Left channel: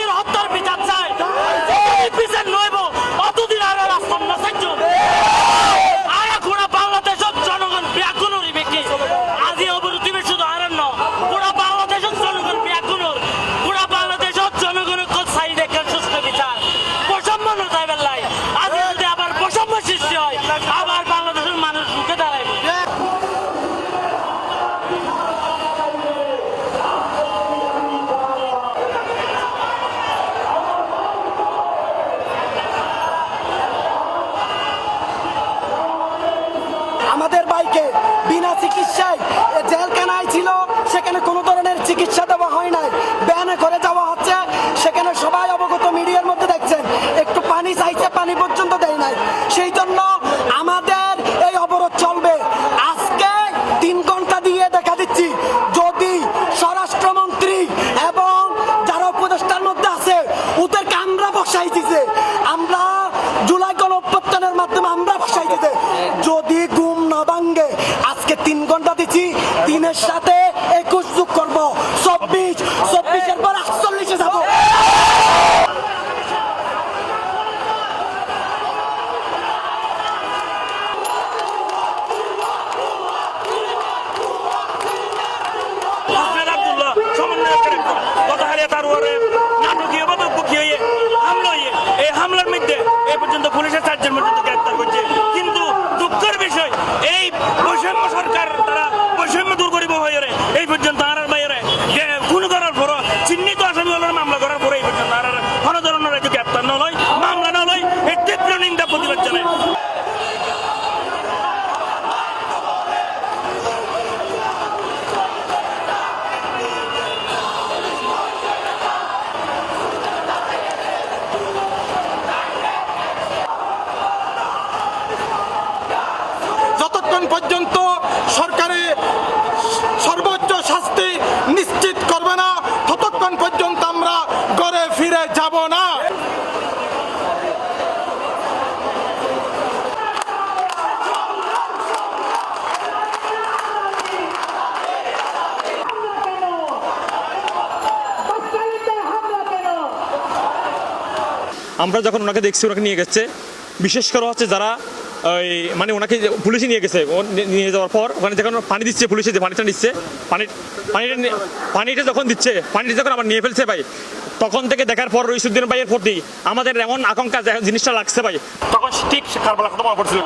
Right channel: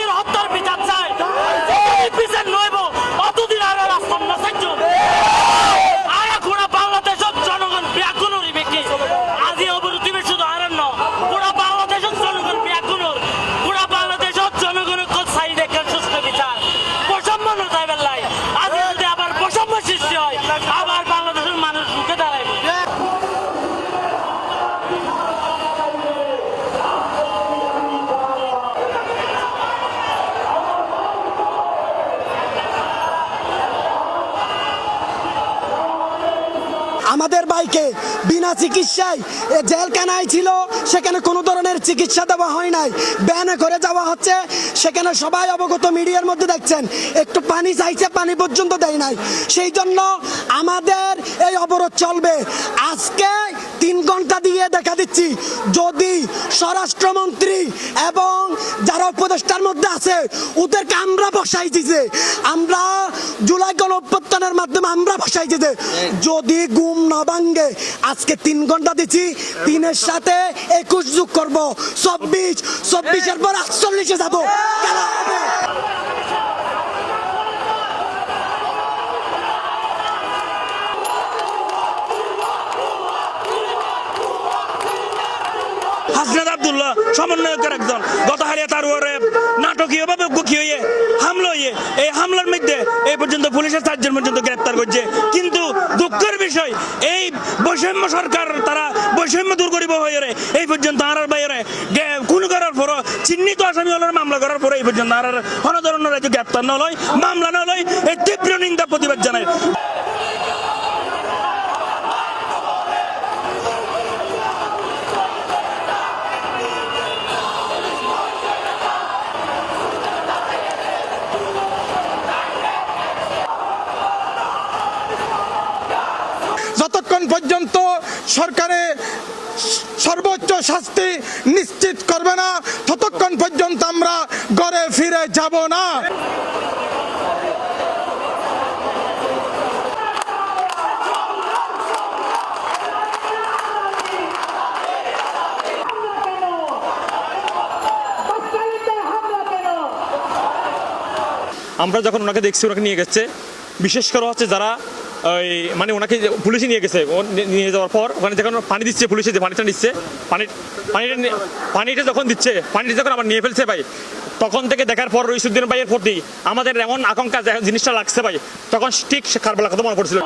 ভাইয়ের হত্যার বিচার চাই, বিচার নইব অতদিন আর রাস্তার না চাইছ আর গোড়া বাংলাদেশের জনগণ ব্যাকুল হইবে কি আজি অবরোধী শুধু আর ন গোড়া বাংলাদেশের জনগণ ব্যাকুল গোড়া বাংলাদেশের জনগণের চাই দেখেন সুস্থ বিচার বৈষম্য নয় বেলায় আজ যদি আবার বৈষম্য সৃষ্টি হয় আবার বাংলাদেশের মানুষ মুখে দাঁড়াইবে। আমাদের ভাইকে বিনা চিকিৎসায় জেলখানায় ছিল, সেখানে কোনো ধরনের চিকিৎসা দেওয়া হয় নাই, ব্যানে করে যাওয়া হচ্ছে, সেখানে সবাই অবগত মিডিয়ার মধ্যে দেখছেন, একটু পানি চাইছে পানি পর্যন্ত দেয় নাই। সেই জন্য আমাদের এই অবরোধ চলবে। আজকে 3 ঘন্টা দিয়ে দেখা দিচ্ছি, যদি স্বরাষ্ট্রমন্ত্রী এবং যারা উপদেষ্টার মধ্যে আছে ওদেরকে আমরা বসাই দিছে, আমরা জুলাই গণ অভ্যুত্থানের মাধ্যমে আমরা বসাই দিছে, যদি ঘুম না ভাঙ্গে আজকে 3 ঘন্টা দিচ্ছি, 3-এর সাথে 21 যোগ করবো, 24, 24-এর পর 48-এ যাবো। সমন্বয়কের একজন গতকালে তার ওরে নাটকীয়ভাবে গুছিয়ে হামলা হয়ে এই হামলার মধ্যে এই পর্যন্ত পুলিশের 4 জন পর্যন্ত গ্রেপ্তার করছে। কিন্তু দুঃখের বিষয় এই বৈষম্য সরকার তারা বৈষম্য দূর করিব হয়ে এই পর্যন্ত আর বাইরে খুন করার পর চিহ্নিত আসামি হলে মামলা করার পরে এই পর্যন্ত আর কোনো ধরনের গ্রেপ্তার নয়, মামলা নয়, এই তীব্র নিন্দা প্রতিবাদ জানায়। যতক্ষণ পর্যন্ত সরকারে সর্বোচ্চ শাস্তি নিশ্চিত করবে না ততক্ষণ পর্যন্ত আমরা ঘরে ফিরে যাব না। আমরা যখন ওনাকে দেখছি, ওনাকে নিয়ে গেছে, বিশেষ করে হচ্ছে যারা ওই মানে ওনাকে পুলিশে নিয়ে গেছে, নিয়ে যাওয়ার পর ওখানে যখন পানি দিচ্ছে, পুলিশে যে পানিটা নিচ্ছে, পানিটা যখন দিচ্ছে, পানিটা যখন আবার নিয়ে ফেলছে ভাই, তখন থেকে দেখার পর রইসুদ্দিন ভাইয়ের প্রতি আমাদের এমন আকাঙ্ক্ষা জিনিসটা লাগছে ভাই, তখন ঠিক কারবালা কথা মনে পড়ছিল।